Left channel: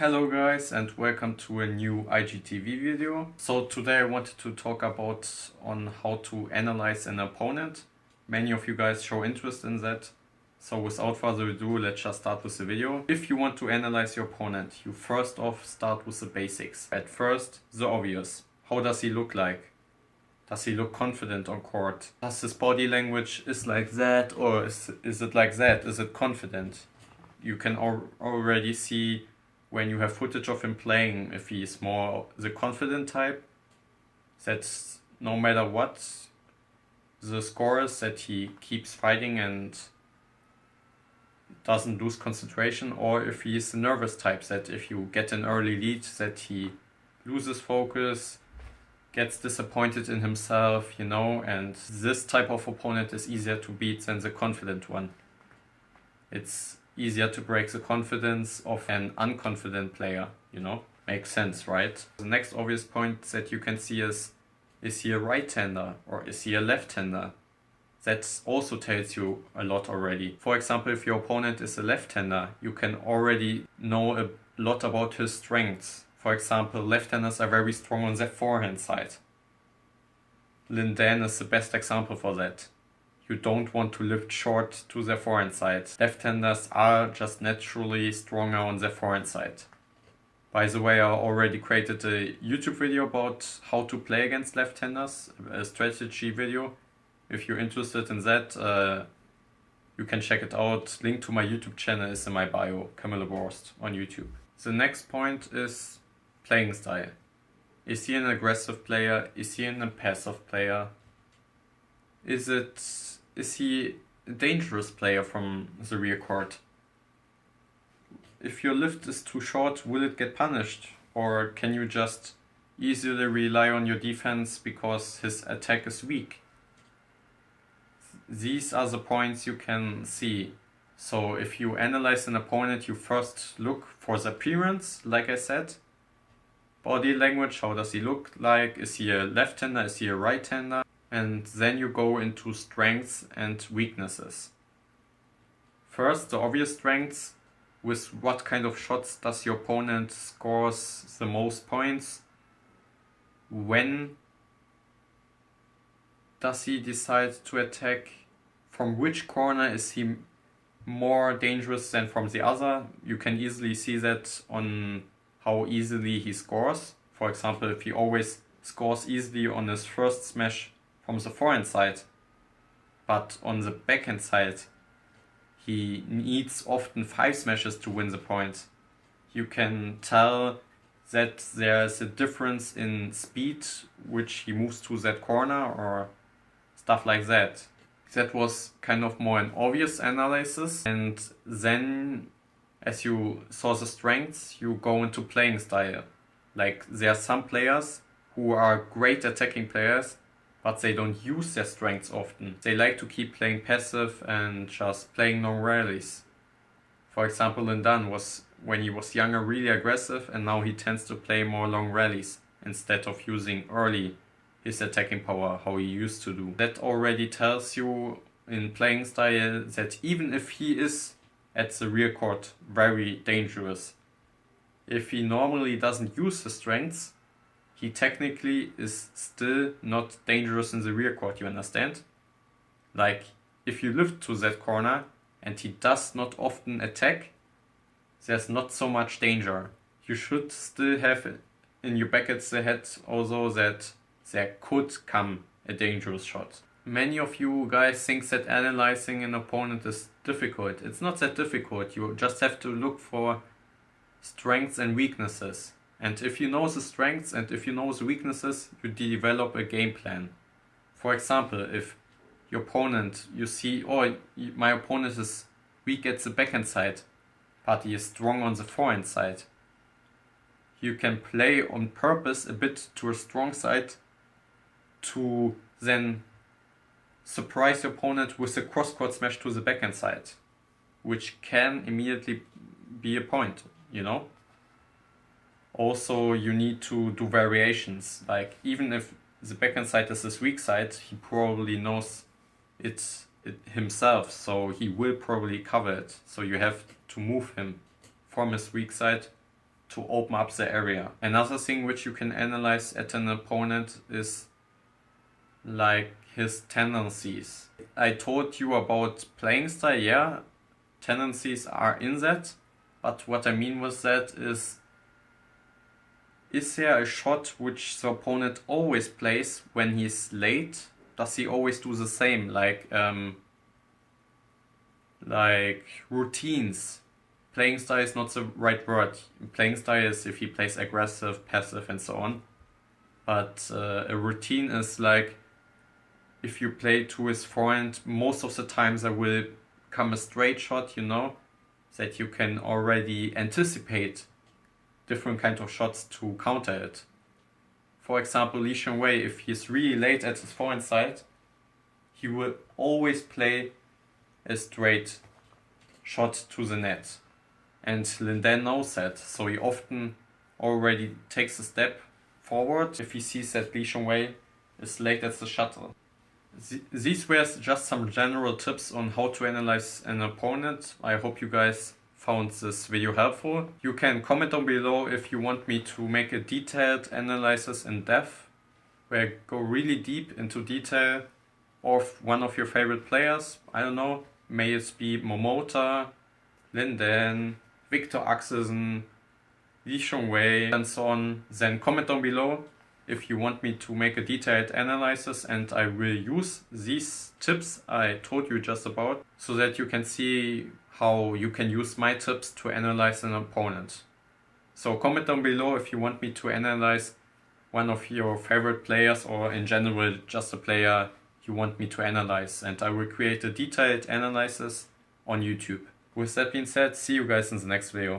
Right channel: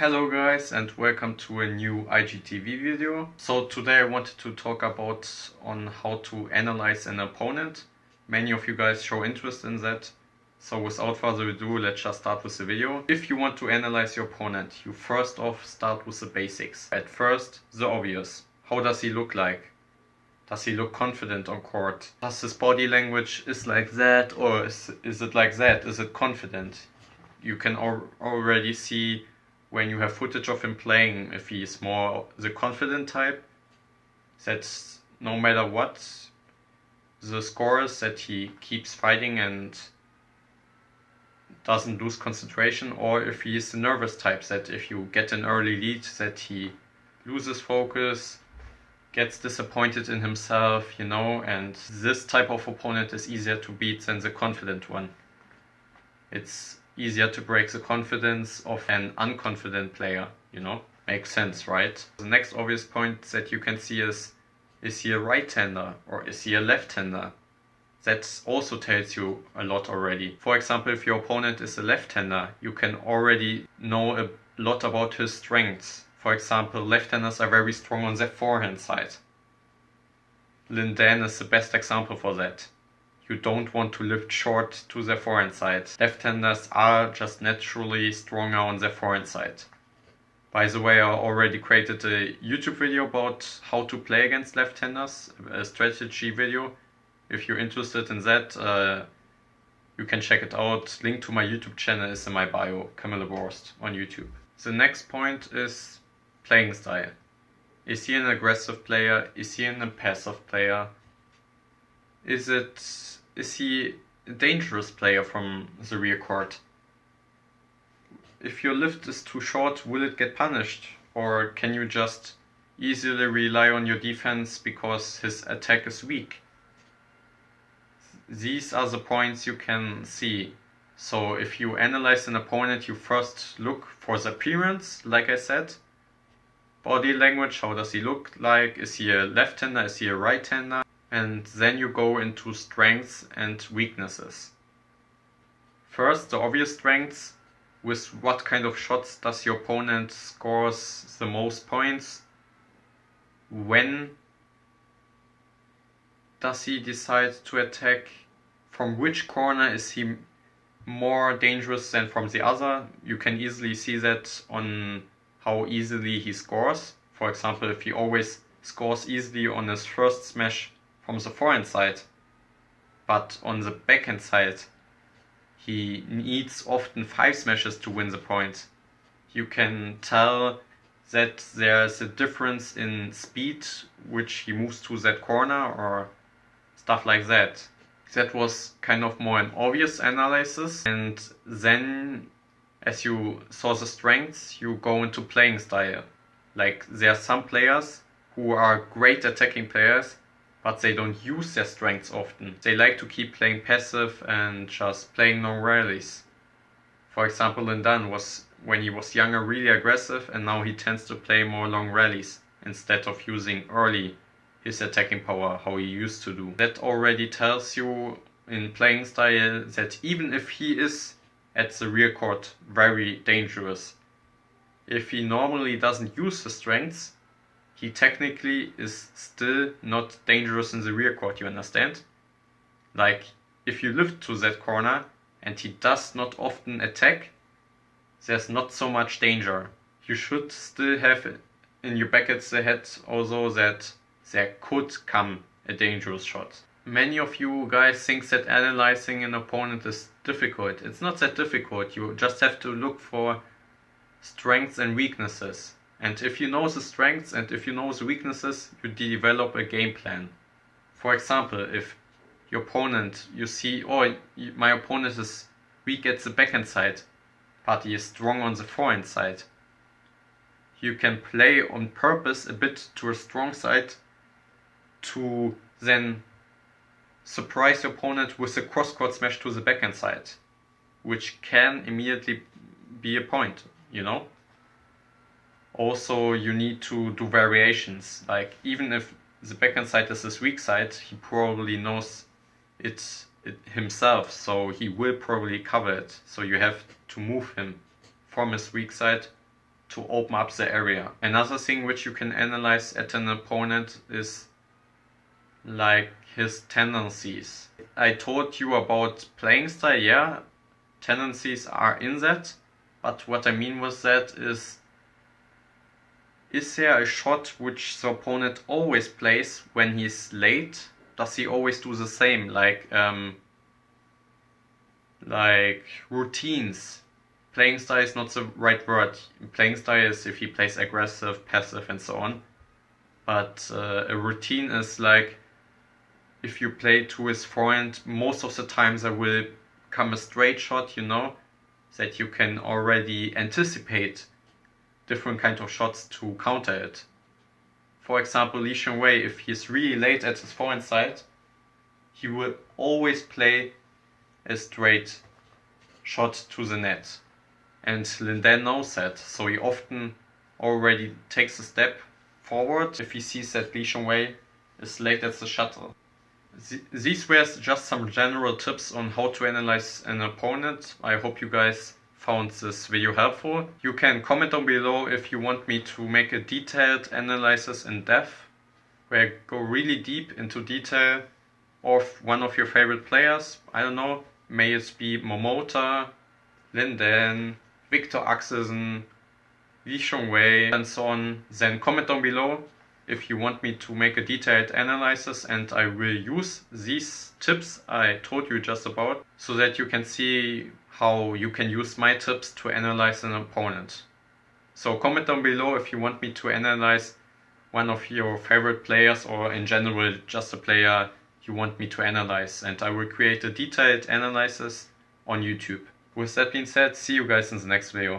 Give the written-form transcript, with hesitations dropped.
Hello guys and welcome to a new IGTV video. So today I wanted to talk about on how to analyze an opponent. Many of you guys show interest in that. So without further ado, let's just start with the video. If you want to analyze your opponent, you first off start with the basics. At first, the obvious. How does he look like? Does he look confident on court? Does his body language is like that, or is it like that? Is it confident? You can already see when you have footage of him playing if he is more the confident type, that's no matter what the score is, that he keeps fighting and doesn't lose concentration, or if he is the nervous type, that if you get an early lead that he loses focus, gets disappointed in himself, and this type of opponent is easier to beat than the confident one. It's easier to break the confidence of an unconfident player, Makes sense, right? The next obvious point that you can see is he a right-hander or is he a left-hander? That also tells you a lot already. For example, if your opponent is a left-hander, you can already know a lot about his strengths. For example, left-handers are very strong on their forehand side. Lin Dan is the best example for that. You don't want to lift short to their forehand side. Left-handers are just naturally stronger on their forehand side. By the way, I already created a YouTube video about how to play against left-handers, a strategy video. If you're interested in that, you can check it out. Link to my YouTube channel is in my bio, Camilla Borst on YouTube. The next point is playing style. Is he an aggressive player? Is he an passive player? Is he a dangerous player from the rear court? If your lift is too short, will it get punished? Or can you just easily rely on your defense because his attack is weak? These are the points you can see. So if you analyze an opponent, you first look for the appearance, like I said. Body language, how does he look like? Is he a left-hander? Is he a right-hander? And then you go into strengths and weaknesses. First, the obvious strengths. With what kind of shots does your opponent scores the most points? When does he decide to attack? From which corner is he more dangerous than from the other? You can easily see that on how easily he scores. For example, if he always scores easily on his first smash from the forehand side, but on the backhand side he needs often 5 smashes to win the point. You can tell that there's a difference in speed which he moves to that corner or stuff like that. That was kind of more an obvious analysis, and then as you saw the strengths, you go into playing style. Like, there are some players who are great attacking players, but they don't use their strengths often. They like to keep playing passive and just playing long rallies. For example, Lin Dan was, when he was younger, really aggressive, and now he tends to play more long rallies instead of using early his attacking power, how he used to do. That already tells you in playing style that even if he is at the rear court very dangerous, if he normally doesn't use his strengths, he technically is still not dangerous in the rear court, you understand? Like, if you lift to that corner and he does not often attack, there's not so much danger. You should still have in your back of the head also that there could come a dangerous shot. Many of you guys think that analyzing an opponent is difficult. It's not that difficult. You just have to look for strengths and weaknesses. And if you know the strengths and if you know the weaknesses, you develop a game plan. For example, if your opponent, you see, my opponent is weak at the backhand side, but he is strong on the forehand side, you can play on purpose a bit to a strong side to then surprise your opponent with a cross-court smash to the backhand side, which can immediately be a point, Also, you need to do variations. Like, even if the backhand side is his weak side, he probably knows it himself, so he will probably cover it. So you have to move him from his weak side to open up the area. Another thing which you can analyze at an opponent is like his tendencies. I told you about playing style, yeah, tendencies are in that, but what I mean with that is there a shot which the opponent always plays when he's late? Does he always do the same, like routines? Playing style is not the right word. Playing style is if he plays aggressive, passive, and so on. But a routine is like if you play to his forehand, most of the time there will come a straight shot, you know, that you can already anticipate different kind of shots to counter it. For example, Li Shenwei, if he's really late at his forehand side, he will always play a straight shot to the net. And Linden knows that, so he often already takes a step forward if he sees that Li Shenwei is late at the shuttle. These were just some general tips on how to analyze an opponent. I hope you guys found this video helpful. You can comment down below if you want me to make a detailed analysis in depth, where I go really deep into detail of one of your favorite players. I don't know, may it be Momota, Linden, Victor Axelsen, Li Shenwei, and so on. Then comment down below if you want me to make a detailed analysis, and I will use these tips I told you just about so that you can see how you can use my tips to analyze an opponent. So comment down below if you want me to analyze one of your favorite players, or in general just a player you want me to analyze, and I will create a detailed analysis on YouTube. With that being said, see you guys in the next video.